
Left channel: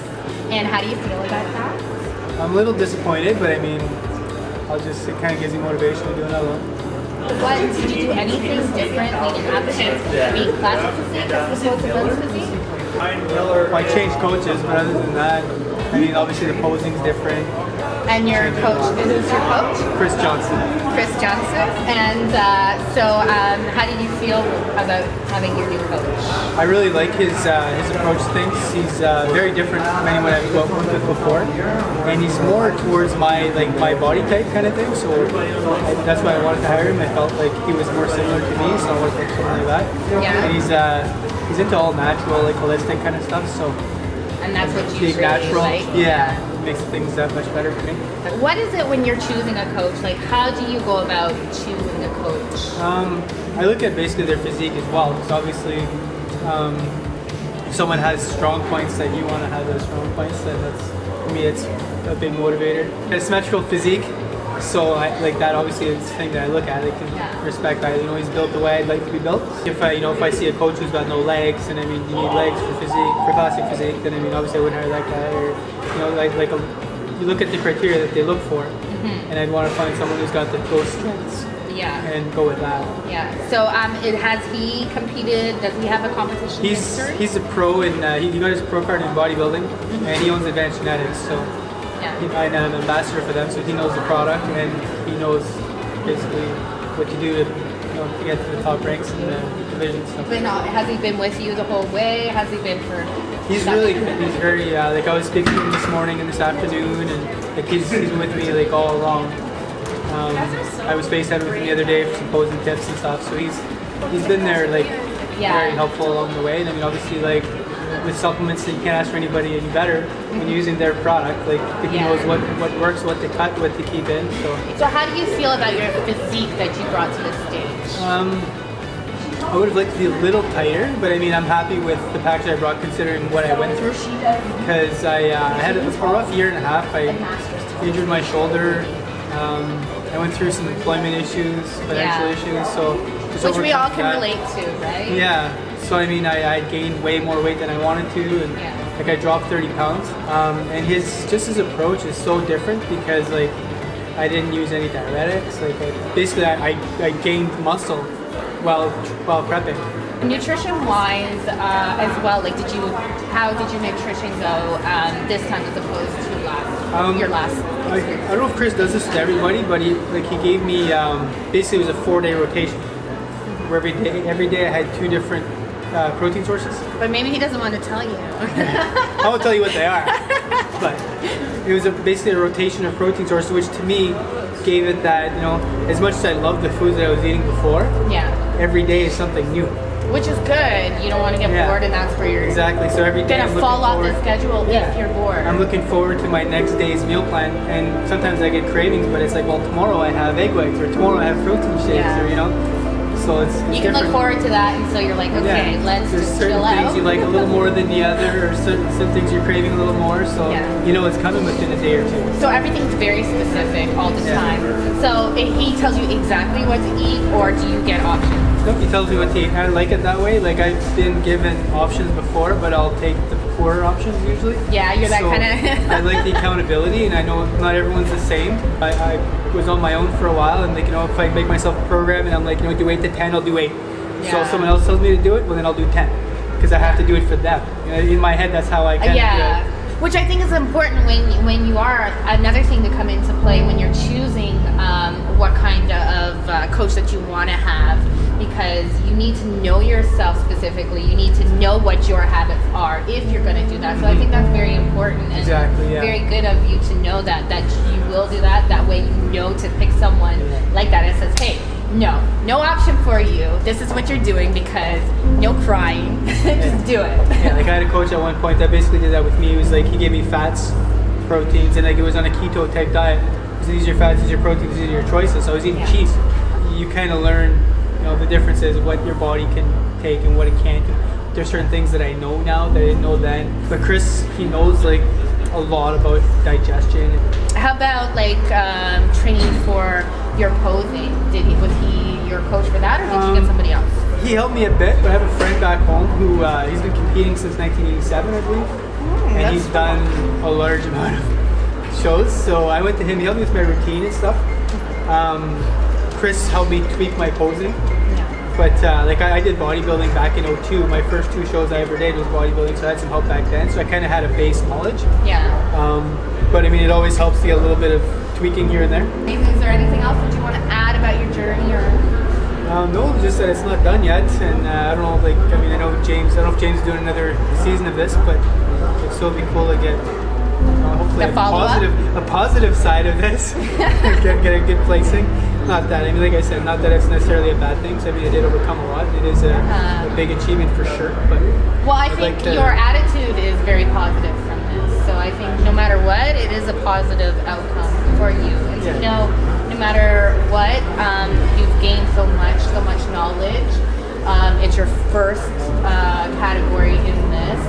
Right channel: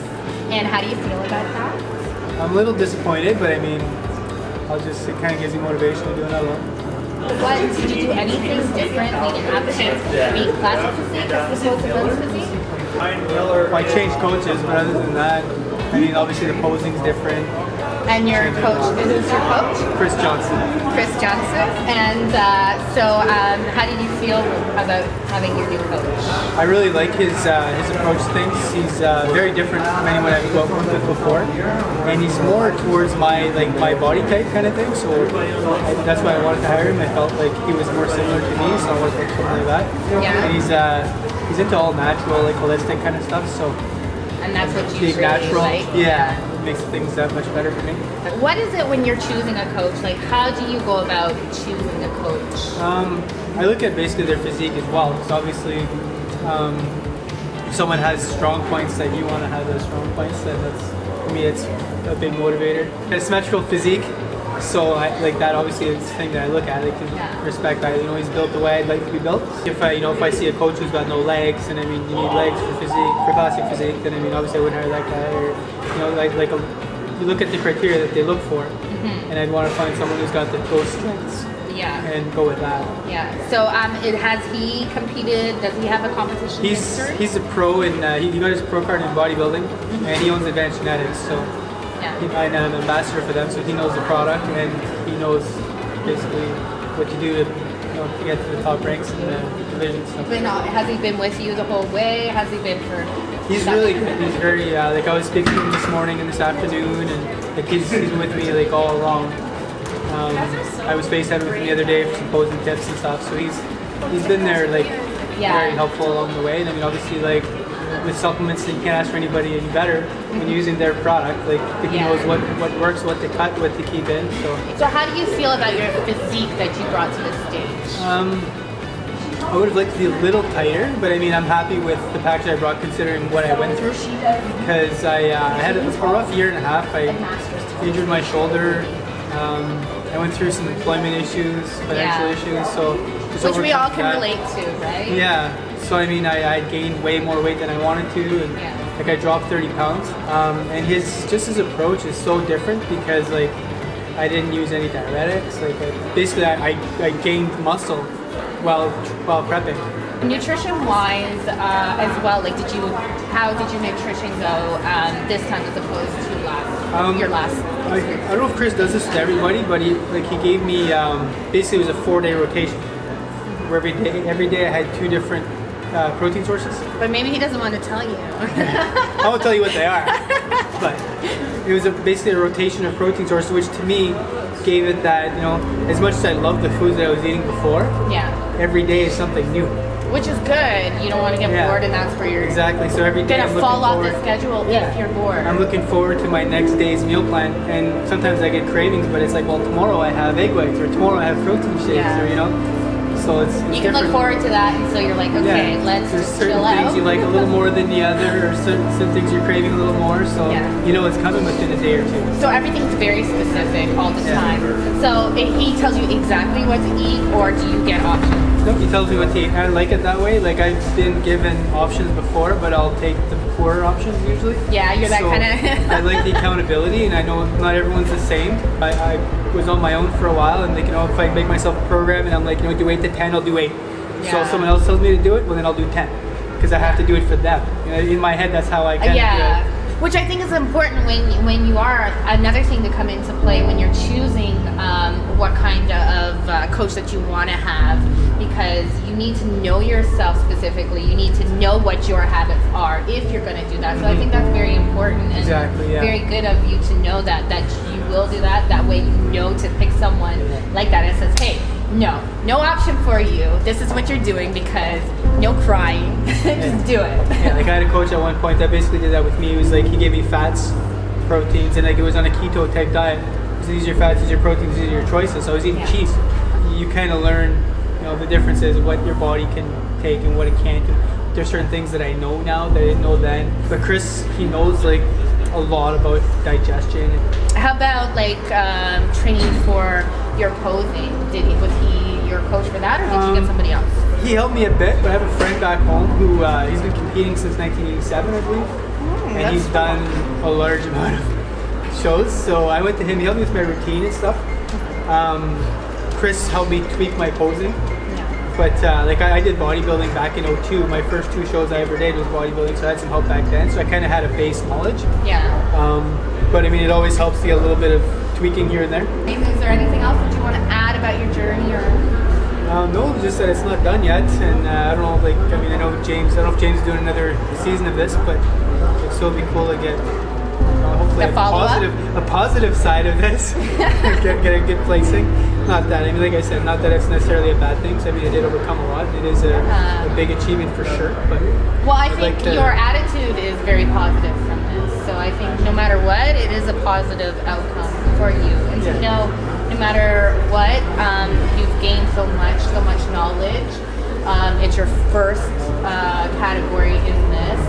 And how do you feel about that? I'm a little disappointed, but I mean, it kind of gives you motivation to do another one. Did you do anything different leading up to being classic physique as opposed to men's physique? I changed coaches, but other than that, I mean, obviously the posing's different. And your coach, who's your coach? Chris Johnson. Chris Johnson. And so how did you feel about having your new coach? I really like his approach to things. He's very different from anyone I've worked with before, and he's more towards my body type kind of thing. So that's why I wanted to hire him. I felt like he was more similar to me, so I wanted to make something like that. Yeah. And he's into all natural, like holistic kind of stuff. So. And that's what you really natural. like? Yeah, it makes things that much better for me. What is it when you're choosing a coach? Like, how do you go about choosing a coach? I look at basically their physique as well, because obviously if someone has strong points that you want to have those strong points, then that's, for me, it's a big motivator. A symmetrical physique, so like that obviously is the thing that I look at. I can respect that, he's built the way I'd like to be built. If I see a coach who's got no legs, and I mean you need legs for physique, for classic physique, then I mean obviously I wouldn't hire that guy. Or you look at the criteria that they look for, and I'd want to find someone who's got those strengths. Yeah. And go with that. Yeah. So has he competed? Does he have a competition history? He's a pro, and he got his pro card in bodybuilding, and he owns Advanced Genetics. So. I'm an ambassador for them, so he knows the product, and he knows basically what to do to get to the top ranks in the division. So. But has he been with you the whole way? Has he been for? He's really good. He's very I was speaking to him this morning and this afternoon, and he's been with me all along. I was FaceTiming with him the other day for some posing tips and stuff. So he's been there very helpful along the way. And I mean obviously with supplements, that you can't ask for anybody any better when using their product. He knows what works, what to cut, what to keep in. So how do you feel about your physique that you brought to the stage? I would have liked to be a little tighter, but I mean I'm happy with the package I brought considering what I went through. Because I had a rough year and a half. I injured my shoulder. I went through some employment issues, financial issues. So which we all can relate to, right? Yeah. So I mean, I gained way more weight than I wanted to, and I dropped 30 pounds. And his approach is so different because I didn't use any diuretics. I gained muscle while prepping. Nutrition-wise, as well, how did your nutrition go this time as opposed to your last? I don't know if Chris does this to everybody, but he gave me basically it was a 4-day rotation. Where every day I had 2 different protein sources. But maybe he doesn't want to tell you. I won't tell you what they are. But it was basically a rotation of protein sources, which to me gave it that, as much as I loved the foods that I was eating before, every day is something new. Which is good. You don't want to get bored, and that's where you're exactly. So every day gonna fall off the schedule if you're bored. I'm looking forward to my next day's meal plan, and sometimes I get cravings, but it's tomorrow I have egg whites, or tomorrow I have protein shakes, or So it's You can look different. forward to that, and so you're like, okay, Yeah. let's There's just certain chill things out. you like a little more than the other, or some things you're craving a little more. So Yeah. you know it's coming within a day or two. So everything's very specific all the Yeah. time. So he tells you exactly what to eat, or do you get options? Nope, he tells me what to eat. I like it that way. Like I've been given options before, but I'll take the poorer options usually. Yeah, you're that So kinda- I like the accountability, and I know not everyone's the same. I was on my own for a while, and like, you know, if I make myself a program and I'm like, you know, do 8 to 10, I'll do 8. So Yeah. if someone else tells me to do it, well then I'll do 10, because I have to do it for them. You know, in my head, that's how I kind of Yeah, do it. which I think is important when you are another thing to come into play when you're choosing what kind of coach that you want to have, because you need to know yourself specifically. You need to know what your habits are if you're going to do that. So I think that's very important and Exactly, yeah. very good of you to know that you will do that. That way you know to pick someone like that and says, hey, no option for you. This is what you're doing, because no crying. Just do it. Yeah, like I had a coach at one point that basically did that with me. He was like, he gave me fats, proteins, and like it was on a keto type diet. He said, these are your fats, these are your proteins, these are your choices. So I was eating Yeah. cheese. You kind of learn, you know, the differences of what your body can take and what it can't. There's certain things that I know now that I didn't know then. But Chris, he knows like a lot about digestion. How about like training for your posing? Was he your coach for that, or did you get somebody else? He helped me a bit, but I have a friend back home who he's been competing since 1987, I believe, and that's he's cool. done a large amount of shows. So I went to him. He helped me with my routine and stuff. Chris helped me tweak my posing. But like I did bodybuilding back in 2002. My first 2 shows I ever did was bodybuilding, so I had some help back then. So I kind of had a base knowledge. Yeah. But I mean, it always helps to get a little bit of tweaking here and there. Is there anything else that you want to add about your journey, or? No, just that it's not done yet, and I don't know. Like, I mean, I don't know if James is doing another season of this, but it'd still be cool to get hopefully The follow-up? a positive side of this, get a good placing. Not that, I mean, like I said, not that it's necessarily a bad thing. So I mean, I did overcome a lot. It is a big achievement for sure. But Well, I I'd think like to- your attitude is very positive from this. So I think no matter what, it is a positive outcome for you. And to know, no matter what, you've gained so much knowledge. It's your first category in this,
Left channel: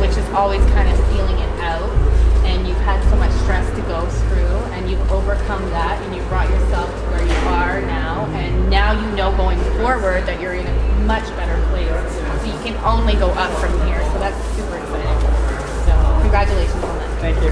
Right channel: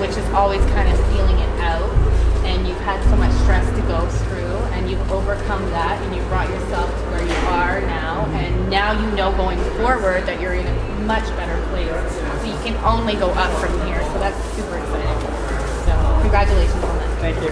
which is always kind of feeling it out. And you've had so much stress to go through, and you've overcome that, and you've brought yourself to where you are now. And now you know going forward that you're in a much better place. So you can only go up from here. So that's super exciting. So congratulations on that. Thank you.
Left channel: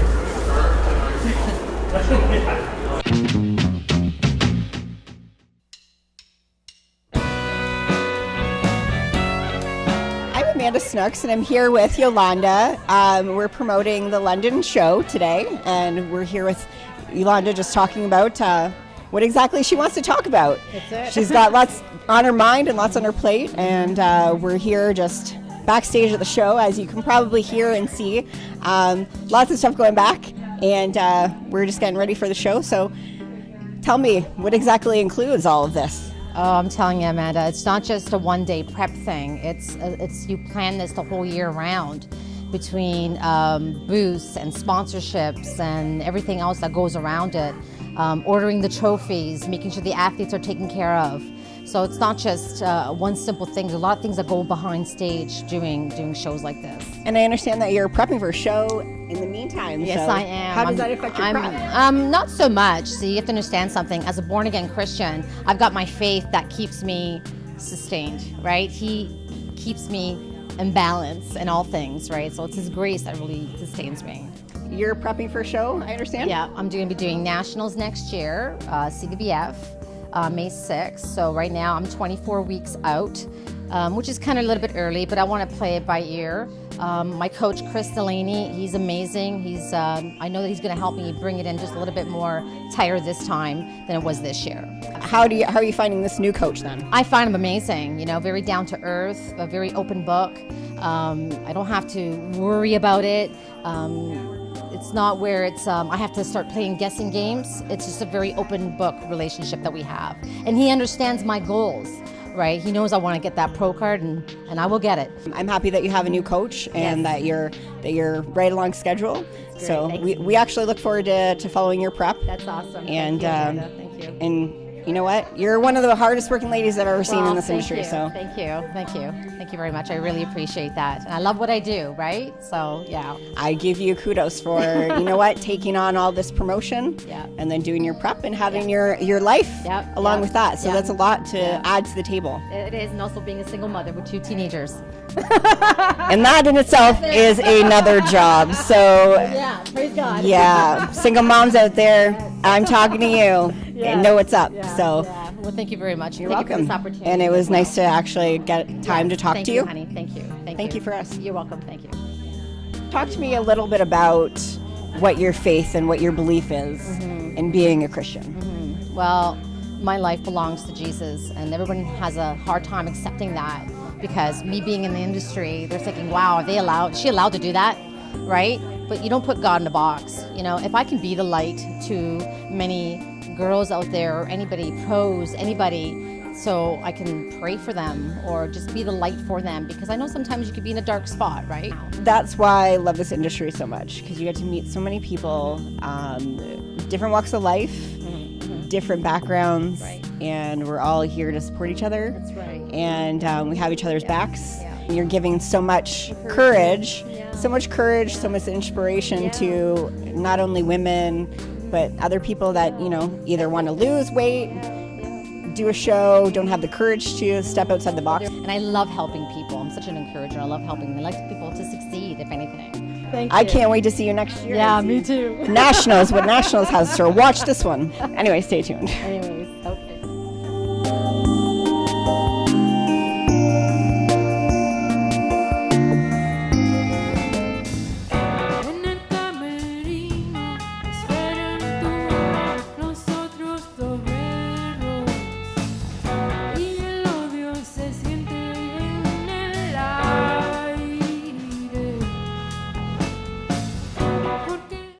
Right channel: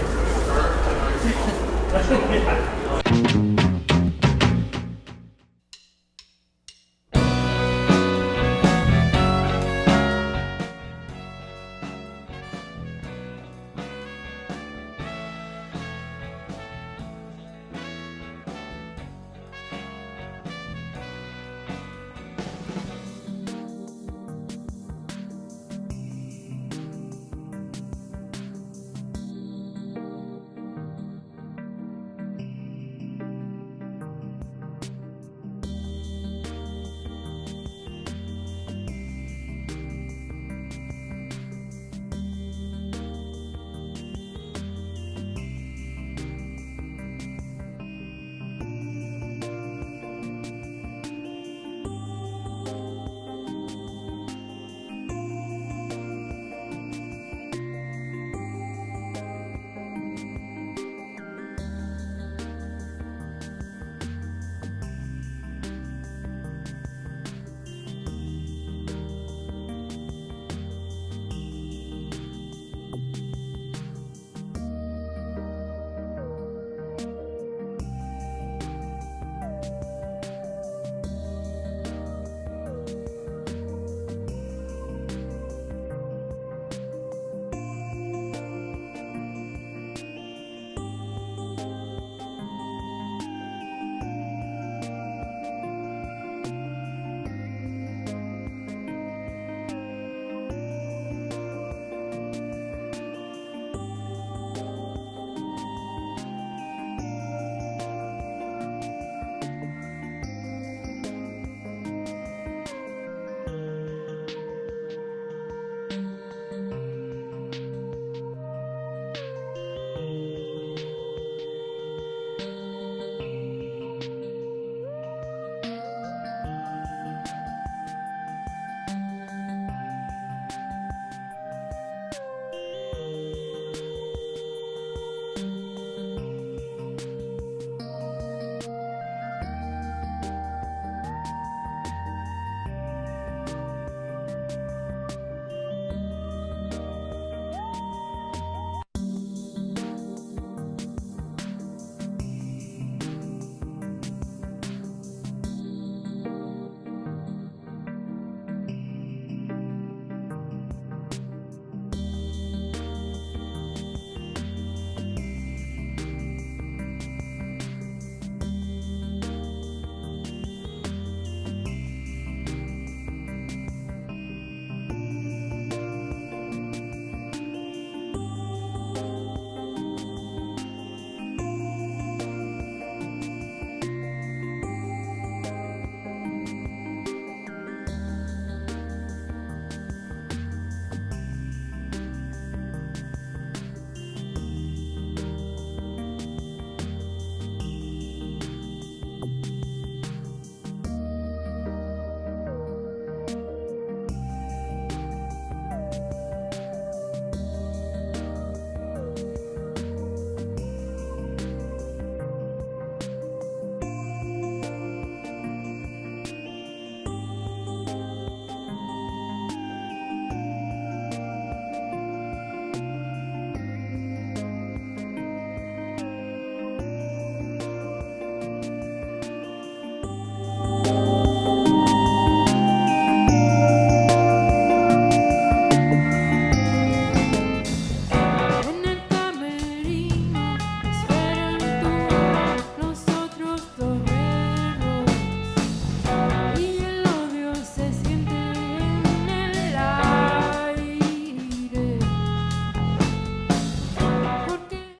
I'm Amanda Snooks, and I'm here with Yolanda. We're promoting the London show today, and we're here with Yolanda just talking about what exactly she wants to talk about. That's it. She's got lots on her mind and lots on her plate, and we're here just backstage at the show, as you can probably hear and see. Lots of stuff going back, and we're just getting ready for the show. So tell me, what exactly includes all of this? Oh, I'm telling you, Amanda, it's not just a one-day prep thing. It's you plan this the whole year round, between booths and sponsorships and everything else that goes around it. Ordering the trophies, making sure the athletes are taken care of. So it's not just one simple thing. There's a lot of things that go behind stage doing shows like this. And I understand that you're prepping for a show in the meantime. Yes, so I am. How does that affect your prep? Not so much. See, you have to understand something. As a born-again Christian, I've got my faith that keeps me sustained, right? He keeps me in balance in all things, right? So it's His grace that really sustains me. You're prepping for a show, I understand? Yeah, I'm going to be doing nationals next year, CWF, May 6th. So right now I'm 24 weeks out, which is kind of a little bit early, but I want to play it by ear. My coach, Chris Delaney, he's amazing. I know that he's going to help me bring it in just a little bit more tighter this time than it was this year. How are you finding this new coach then? I find him amazing, very down to earth, a very open book. I don't have to worry about it. It's not where I have to start playing guessing games. It's just a very open book relationship that we have. And he understands my goals, right? He knows I want to get that pro card, and I will get it. I'm happy that you have a new coach and that you're right along schedule. Great, So thank we actually look forward to following your prep. That's awesome. And Thank you, Amanda. Thank you. and you know what? You're one of the hardest working ladies I've ever seen in this industry. So thank you very much. I really appreciate that, and I love what I do. Right? So yeah, I give you kudos for you know what, taking on all this promotion, and then doing your prep and having your life along with that. So that's a lot to add to the table. It is, and also being a single mother with 2 teenagers. And that in itself is another job. So Yeah, praise God. yeah, single moms out there, I'm talking to you and know what's up. So Yeah. Well, thank you very much. you're Thank welcome. you for this opportunity. And it was as well. nice to actually get time to talk Thank to you. honey. Thank you. Thank you for us. You're welcome. Thank you. Talk to me a little bit about what your faith and what your belief is in being a Christian. Well, my life belongs to Jesus, and everyone has a hard time accepting that because me being in the industry, they're thinking, "Wow, is she allowed to do that?" Right? But you don't put God in a box. You know, if I can be the light to many girls out there, or anybody, pros, anybody, so I can pray for them or just be the light for them, because I know sometimes you could be in a dark spot, right? That's why I love this industry so much, because you get to meet so many people, different walks of life, different backgrounds, and we're all here to support each other. That's right. And we have each other's backs. And you're giving so much courage, so much inspiration to not only women, but other people that, you know, either want to lose weight, do a show, don't have the courage to step outside the box. And I love helping people. I'm such an encourager. I love helping them. I like people to succeed, if anything. Thank you. I can't wait to see you next year. Yeah, me too. Nationals, what Nationals has to watch this one. Anyway, stay tuned. Anyways.